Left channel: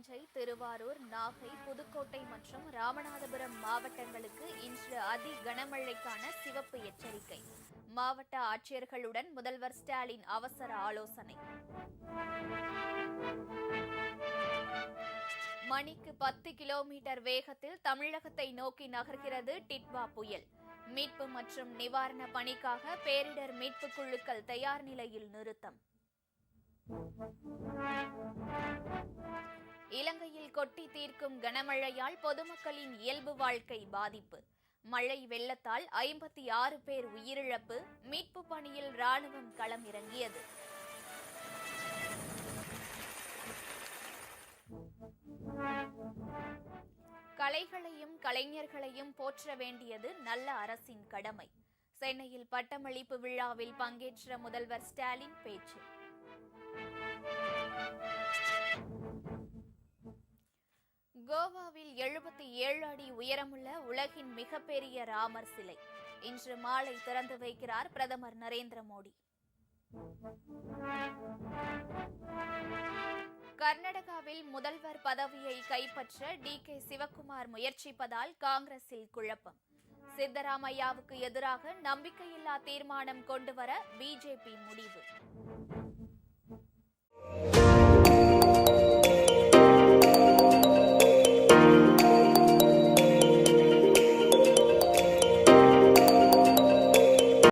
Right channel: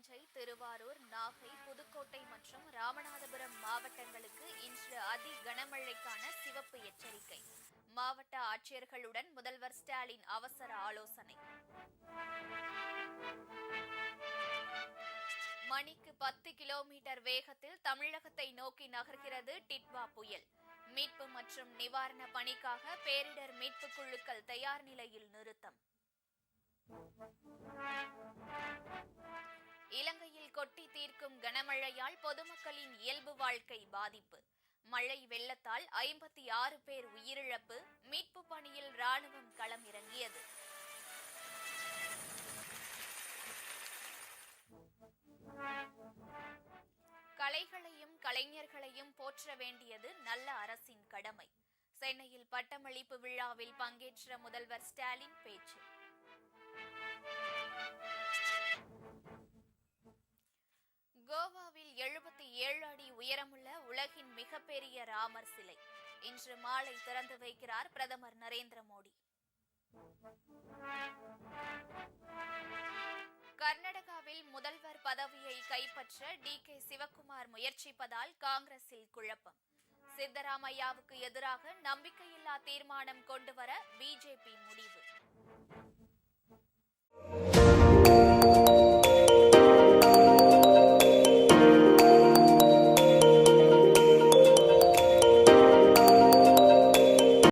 தஞ்சை, திருவாரூர், நாகை, புதுக்கோட்டை மற்றும் ராமநாதபுரம் மாவட்டங்களுக்கு இன்று அதி கனமழைக்கான சிவப்பு எச்சரிக்கை. மாவட்ட ஆட்சியர்களுடன் முதல்வர் ஸ்டாலின் அவசர ஆலோசனை. மணிக்கு 10 கிலோமீட்டர் வேகத்தில் தமிழகத்தை நோக்கி நகர்கிறது டிட்வா புயல். மீட்பு மற்றும் நிவாரண பணிக்காக பேரிடர் மீட்புக் குழுக்கள் தயார் நிலையில் நிறுத்தம். இலங்கையில் கொட்டி தீர்க்கும் கனமழையால் பொதுமக்களின் இயல்பு வாழ்க்கை பாதிப்பு. மழை வெள்ளத்தால் 56 பேர் உயிரிழப்பு. மீட்பு பணியில் ராணுவம் களம் இறங்கியது. கலைகளையும் கலைஞர்களையும் போற்ற வேண்டியது நல்ல அரசின் கடமை. சென்னையில் பட்டமளிப்பு விழாவில் பங்கேற்ற முதல்வர் ஸ்டாலின் பேச்சு. கோவாவில் 77 அடி உயரமுள்ள உலகின் மிகப்பெரிய ராமர் சிலை இன்று மாலை திறந்து வைக்கிறார் பிரதமர் நரேந்திர மோடி. கர்நாடகாவில் முதல்வர் பதவியை கைப்பற்ற டி.கே. சிவக்குமார் முயற்சிப்பதால் காங்கிரஸில் குழப்பம். சித்தராமையாவுக்கு எதிராக நம்பிக்கையில்லா தீர்மானம் கொண்டுவர பிஜேபி முடிவு.